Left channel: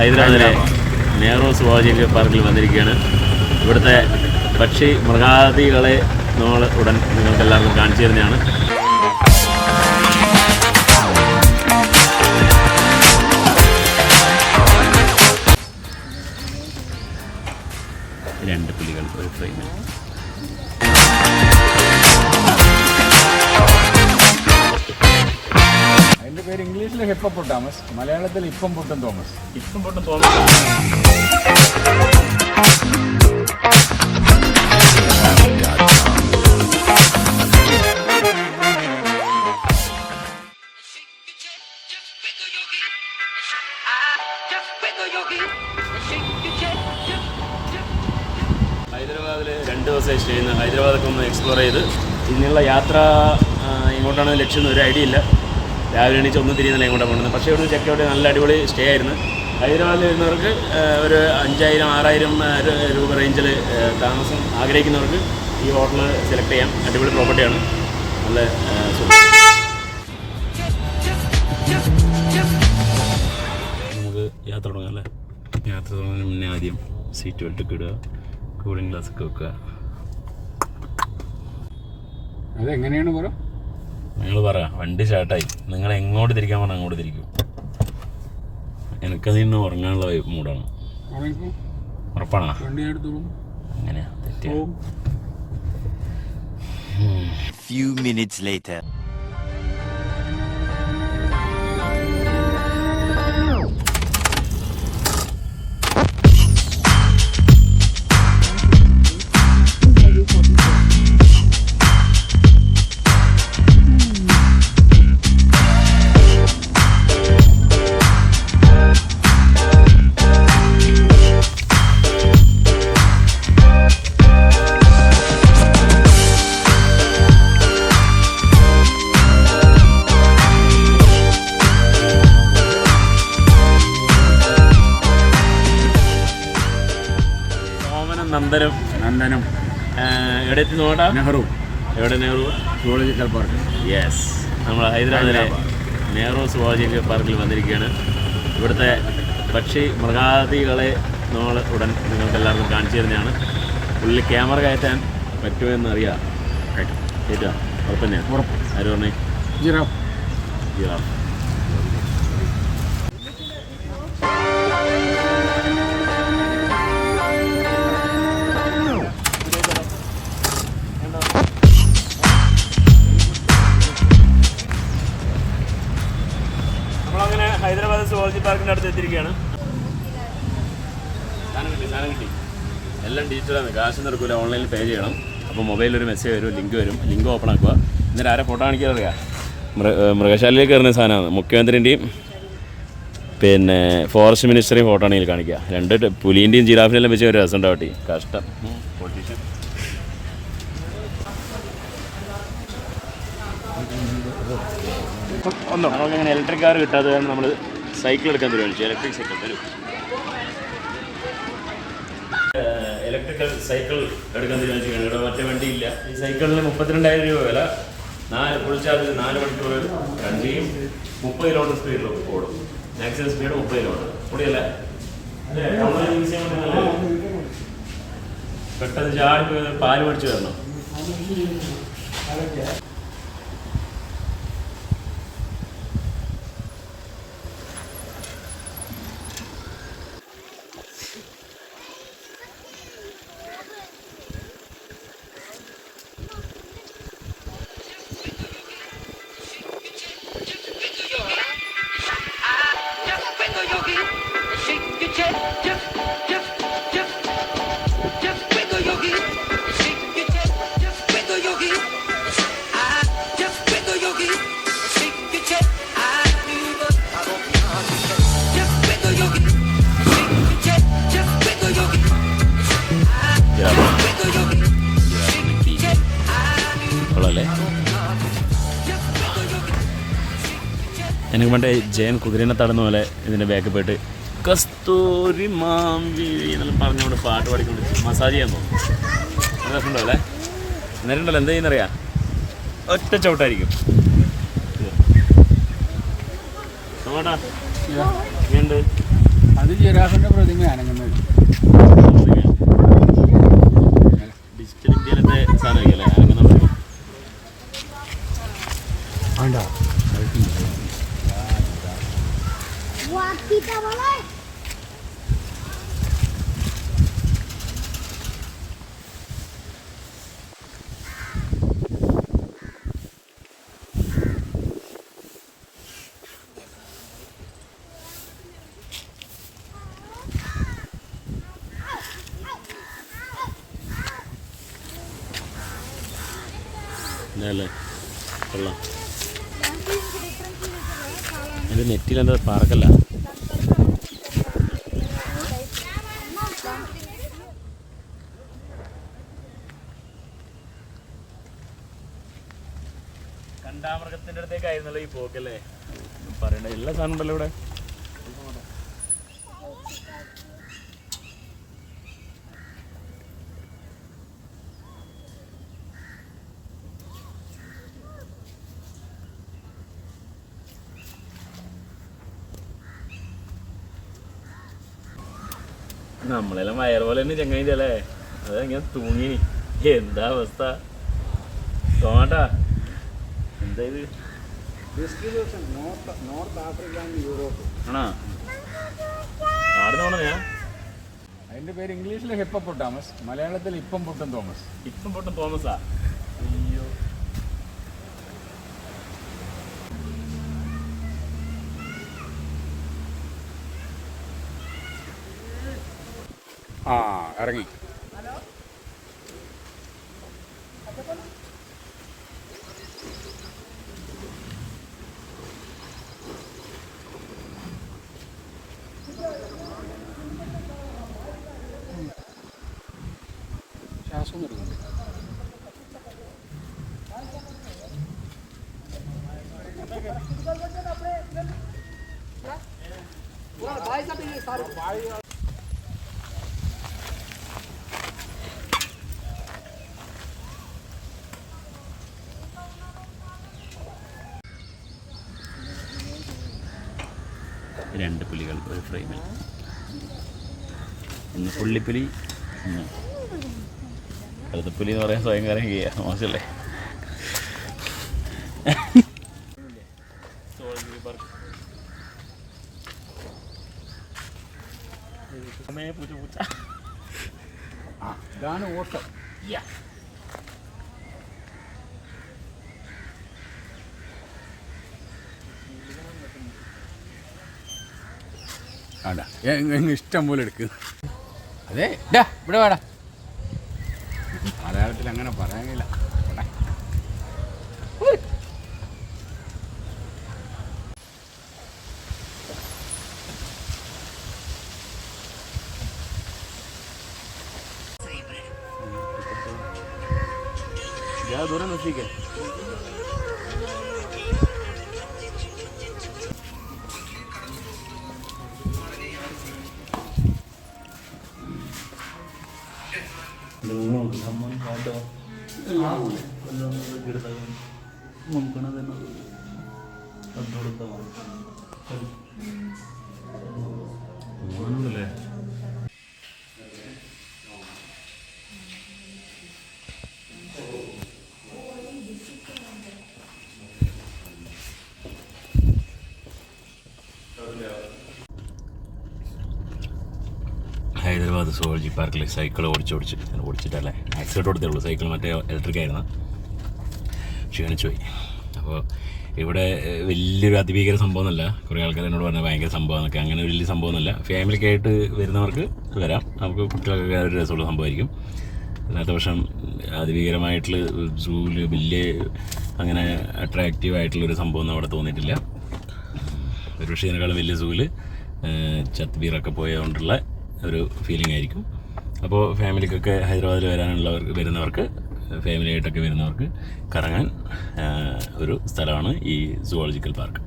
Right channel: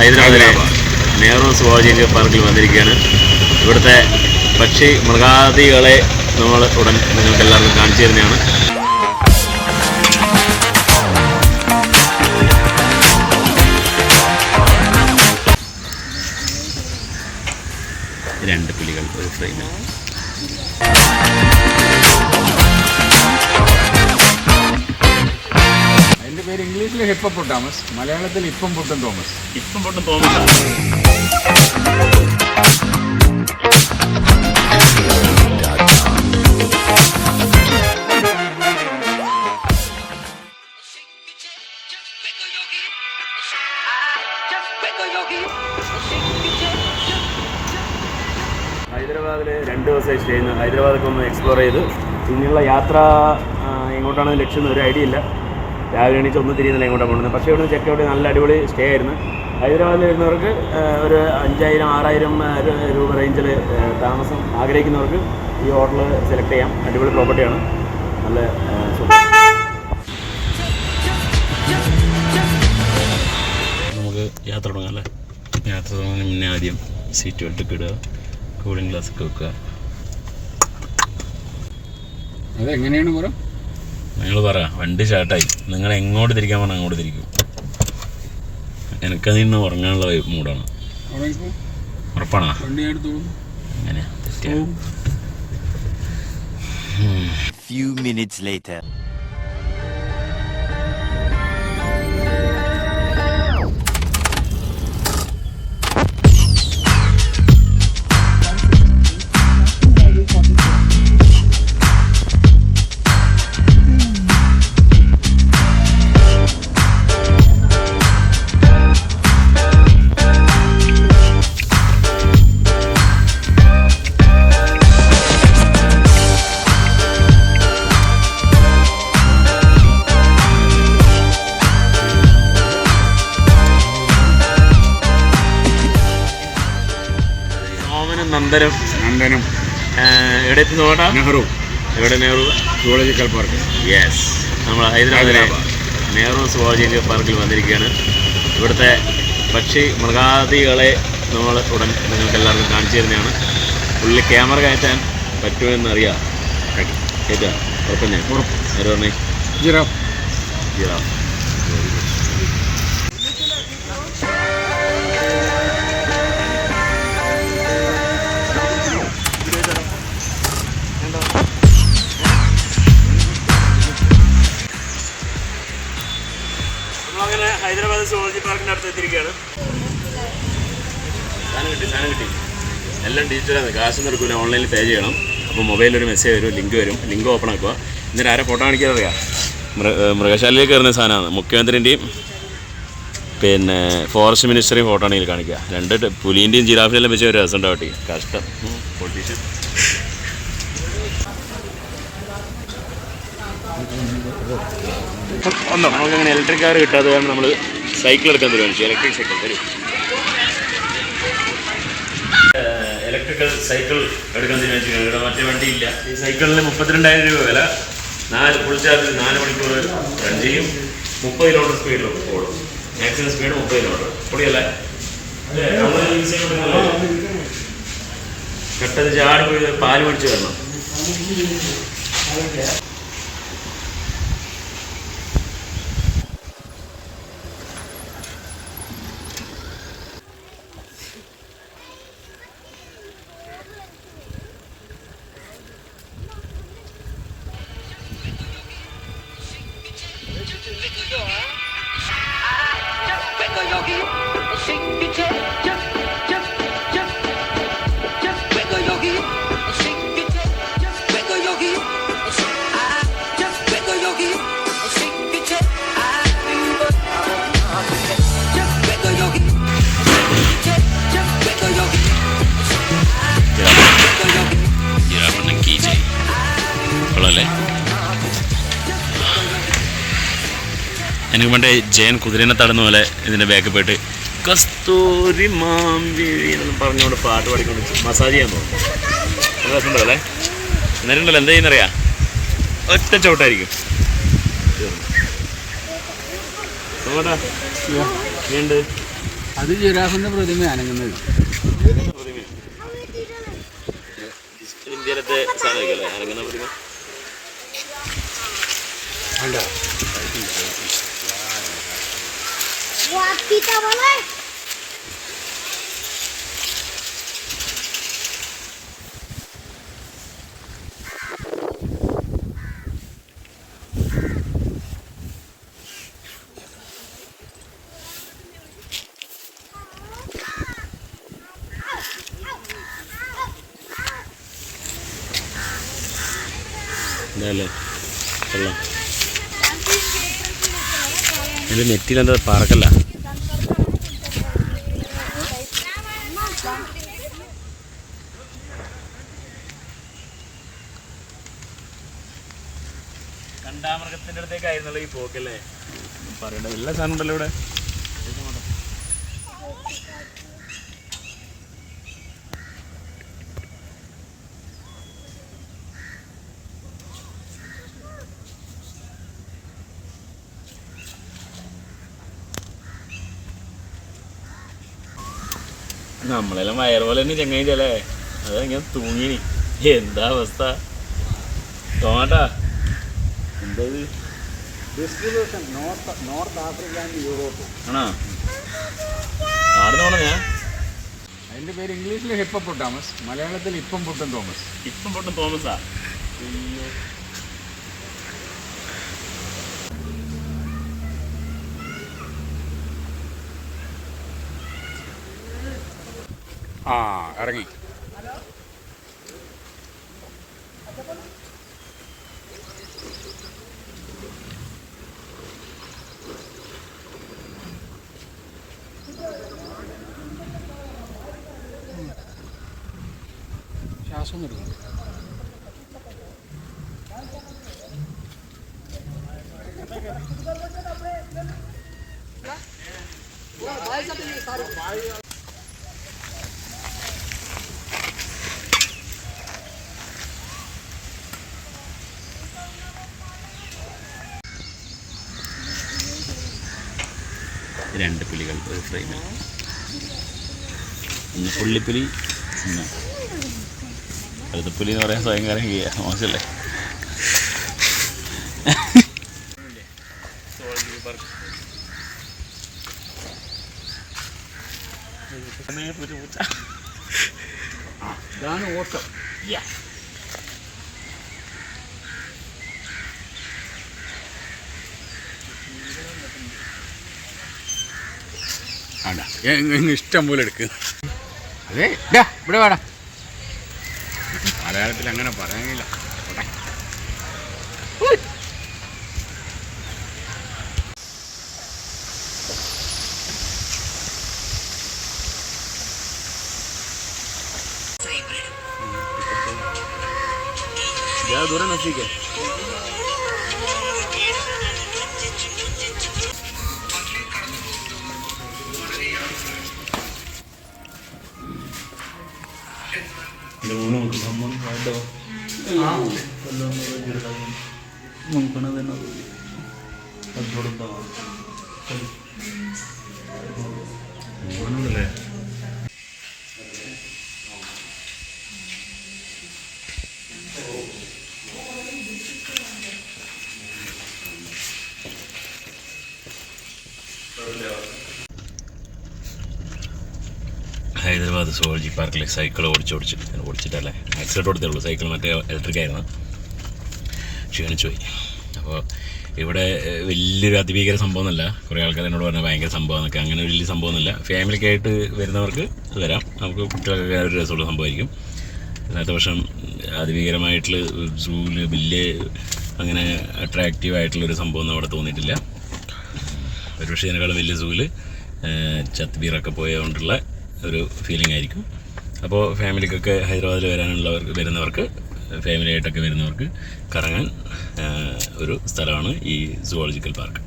ഹൈദരാബാദിലെ നെഹ്റു സുവോളജിക്കൽ പാർക്കിൽ വന്നിരിക്കുകയാണ്. ഇവിടുത്തെ പക്ഷി മൃഗാദികളെ നമ്മൾ ഉടൻ നിങ്ങൾക്ക് എല്ലാവർക്കും കാണിച്ചു തരുന്നതാണ്. രണ്ട് പുലികൾ ഒരു ഫ്രെയിമിൽ. അതിൻ്റെ പേര് ഇംഗ്ലീഷിൽ ഹിപ്പോപ്പൊട്ടാമസ്, മലയാളത്തിൽ ഇപ്പം പൊട്ടും തോമസ്. ഇപ്പം പൊട്ടും തോമസ്. ഹൈദരാബാദിൽ 2 ദിവസം സ്റ്റേ ചെയ്യുന്നത്. ഹൈദരാബാദൊക്കെ ഒന്ന് എക്സ്പ്ലോർ ചെയ്ത് ഇങ്ങനെയുള്ള യാത്ര എങ്ങോട്ടാണ് ലക്ഷ്യം ഒരു ഐഡിയ ഇല്ല. രാവിലെ എണീച്ച് ഒന്നും തിരിയുന്നില്ല എങ്ങോട്ടാണ് പോകുന്നത്. പക്ഷേ ഇവിടെ ചെക്ക് ഔട്ട് നല്ല അടിപൊളി സ്റ്റേ ആയിരുന്നു. ഹൈദരാബാദിൽ വരുന്നവർക്ക് ഒരു 5000-6000 രൂപ റേഞ്ചിൽ താമസം ആഗ്രഹിക്കുന്നവർക്ക് ഈ ഹോട്ടൽ സെലക്ട് ചെയ്യാം. അടിപൊളി പ്രോപ്പർട്ടിയാണ്. നല്ല നമുക്ക് യാത്ര തുടങ്ങാം അല്ലേ? യാത്ര തുടങ്ങുന്നതിന് മുന്നേ ആദ്യം സീറ്റ് ബെൽറ്റൊക്കെ ഇടുക, കൂളിംഗ് ഗ്ലാസ് ഒക്കെ വെക്കുക. അതെങ്ങനെയാണ് പറ? നിങ്ങൾ പറ. വണ്ടി സ്റ്റാർട്ടായി. നിങ്ങൾ എങ്ങോട്ട് തിരിക്കാൻ പറഞ്ഞാൽ അങ്ങോട്ട് തിരിക്കും. എനിക്കതിൽ നിന്ന് ഉറങ്ങാനുള്ള മൂടാണ്. ഉറപ്പാണോ? അങ്ങനെ Few minutes later. നന്ദനം എവിടെ എത്തി നോട്ടാ? നെഹ്റു. എവിടെ? Nehru zoological park. യെസ്, നമ്മൾ ഹൈദരാബാദിലെ നെഹ്റു സുവോളജിക്കൽ പാർക്കിൽ വന്നിരിക്കുകയാണ്. ഇവിടുത്തെ പക്ഷി മൃഗാദികളെ നമ്മൾ ഉടൻ നിങ്ങൾക്ക് എല്ലാവർക്കും കാണിച്ചു തരുന്നതാണ്. പുള്ളി ക്യാമറ കയറ്റാൻ പറ്റുമെന്നറിയാം. കയറ്റാം ഉറപ്പ്. ഞാൻ ഉറപ്പ്. ആര് പറഞ്ഞേ? ജിറാഫ്. ജിറാഫ്. നമ്മളങ്ങനെ ഹൈദരാബാദ് സുവോളജി പാർക്കിൻ്റെ അടുത്ത് എത്തിയിരിക്കുകയാണ്. സാധനം കിട്ടി. എല്ലാം ഡിജിറ്റലാണ്. കാശൊന്നും എടുക്കില്ല. ഓൺലൈനിൽ പേ ചെയ്യണം. അപ്പോൾ മൊബൈലൊരു മെസ്സേജ് വരും, ലിങ്ക് വരും. ലിങ്ക് ഓപ്പൺ ആക്കുക. എന്നിട്ട് ആരെ ഫോട്ടോ കാണിക്കാൻ അറിയാം. മൃഗശാലയിലേക്ക് കയറുന്ന സാധനമാണ്. മുഖ്യമന്ത്രിൻ്റെയും പിന്നെ ഫോറസ്റ്റ് മിനിസ്റ്ററെയും ഫോട്ടോ ആണെങ്കിൽ കാണിക്കുക. 2 പുലീൻ്റെയും ജിറാഫിനെല്ലാം വെച്ച് ഒരു രസം ഉണ്ടാവട്ടെ. കഷ്ടം പൊളിറ്റീഷ്യൻ. നമുക്കങ്ങനെ ഇലക്ട്രിക് കാർ കിട്ടാതെ കാരണം നമ്മൾ സൈക്കിൾ എടുക്കാൻ തീരുമാനിച്ചു. ഇലക്ട്രിക് സൈക്കിൾ തരും. ഇലക്ട്രിക്കൽ സൈക്കിൾ എടുക്കാൻ തീരുമാനിച്ചു. ഇവിടെ മറ്റേ വണ്ടിയില്ല. ഈ സൈക്കിളിന് 32,000 രൂപ വില. ഫുൾ ചാർജ് 4 മണിക്കൂർ റൺ ചെയ്യും. 30 കിലോമീറ്റർ സ്പീഡിൽ ഓടും. Maximum speed 30 kilometre. പൊടിയല്ലേ? പെട്ടെന്ന് ചാടിപ്പോയി പാല് മേടിച്ച് വരണം. എനിക്ക് പണ്ടേ ജയൻ കുതിരനെ തടന്ന പോലെ ഇതിൻ്റെ ബാക്ക് പോയിട്ട് കസ്തൂരി മാമ്പി എന്നെല്ലാം പറഞ്ഞുകൊണ്ട് പാട്ട് പാടിക്കൊണ്ട് മസാജ് ചെയ്യാൻ തോന്നും. രസമുണ്ടോ അല്ലേ? നേരിട്ടല്ലോ എന്താ ചെയ്യുന്നറിയാം? ഒറ്റ ചവിട്ടായിരിക്കും. നോട്ടാ ഉണ്ട്. അത് ജിറാഫിൻ്റെ പ്രതിമ അനങ്ങുന്നത്. ഡിജിറ്റൽ ഇന്ത്യയിലത്തെ സാധനമല്ലേ അങ്ങനെ നമുക്ക് വേണ്ട. ഇതല്ലേ കൊള്ളാം. എൻ്റെ നെറ്റിലെന്താ പറക്കല്ല. കണ്ടാമൃഗത്തിൻ്റെ അടുത്തേക്കായിരുന്നല്ലോ ഈ പോക്കല്ലേ. പറയണ്ട എല്ലാ സാധനം ഉണ്ടല്ലോ ഇവിടെ. നമ്മളെല്ലാം വയറ് പോലെ തന്നെ ചങ്ങായിൻ്റെ അല്ലേ. അതങ്ങനെ തൂങ്ങിനി. എന്താ അവസ്ഥ തോട്ടാ. എന്താ ഇത്? നോർത്ത് ആഫ്രിക്ക ആൻഡ് യൂറോപ്പ് ആണോ? ആടുന്ന് പോണ ഞാൻ. അതിൻ്റെ പേര് ഇംഗ്ലീഷിൽ ഹിപ്പപ്പൊട്ടാമസ്, മലയാളത്തിൽ ഇപ്പം പൊട്ടും തോമസ്. ഇപ്പം പൊട്ടും തോമസാ. അയ്യോ. ആ ഇറങ്ങി. ശ്വാസം എടുക്കുന്നു. രണ്ട് പുലികൾ ഒരു ഫ്രെയിമിൽ. ഒന്ന് പുള്ളിപ്പുലി, ഒന്ന് കഴുതപ്പുലി എന്ന് പറയാൻ ഭയങ്കര മോശമല്ലേ. ഇതാണ് ഓട്ടം. വേണ്ട, ഇഷ്ടം പോലെ എടുക്കുക. അതെ ഇവിടെ വേടാ. മലയാളത്തിൽ അങ്ങനെ പറയാനില്ല. ദൂരം നോക്കിക്കേ. ല്ലേ ഹൈദരാബാദ് സുവോളജി പാർക്കിൽ സൈക്കിൾ ഓടിച്ചിട്ടല്ലേ ആക്സിഡൻറ്റ് കൊടുത്തുള്ളൂ. സൈക്കിൾ മറ്റേ ഇലക്ട്രിക് ആയിരുന്നു. ക്ഷീണിച്ചു പോയി. അപ്പോൾ ഇവിടെ വലിയൊരു അതിഭീകര സംഭവമൊന്നുമല്ല. കുറേ ആൾക്കാർ എന്നോട് പറഞ്ഞാൽ ഭയങ്കര സംഭവമെന്നൊക്കെ. അങ്ങനെ വലിയ സംഭവമൊന്നുമില്ല. ഫാമിലിക്കായിട്ട് വരുന്നവർക്ക് വരാം. നമുക്ക് കുട്ടികൾക്കൊക്കെ ഒരു രസമുള്ള സംഭവമായിരിക്കും. ഇന്നത്തെ വർഷം അതിഭീകരമായിട്ടുള്ള സൂവിൽ വലിയ അങ്ങനെ അട്രാക്റ്റീവായിട്ടുള്ളൊരു സംഭവമൊന്നും അവിടെ തോന്നിയിട്ടില്ല. ഒരുപക്ഷെ ഇതിനേക്കാളും വലിയ സൂവിൽ ചത്ബീറൊക്കെ പോയതുകൊണ്ടുള്ള ഒരു ഫീലിംഗ് ആയിരിക്കും. അപ്പോൾ ഫാമിലിക്കൊക്കെ ഹൈദരാബാദിൽ വരുന്നവർക്ക് ഫാമിലിയായിട്ടൊക്കെ വരുന്നവർക്ക് കറങ്ങാൻ ഒരു സ്ഥലമാണ് ഈ സുവോളജിക്കൽ പാർക്ക്.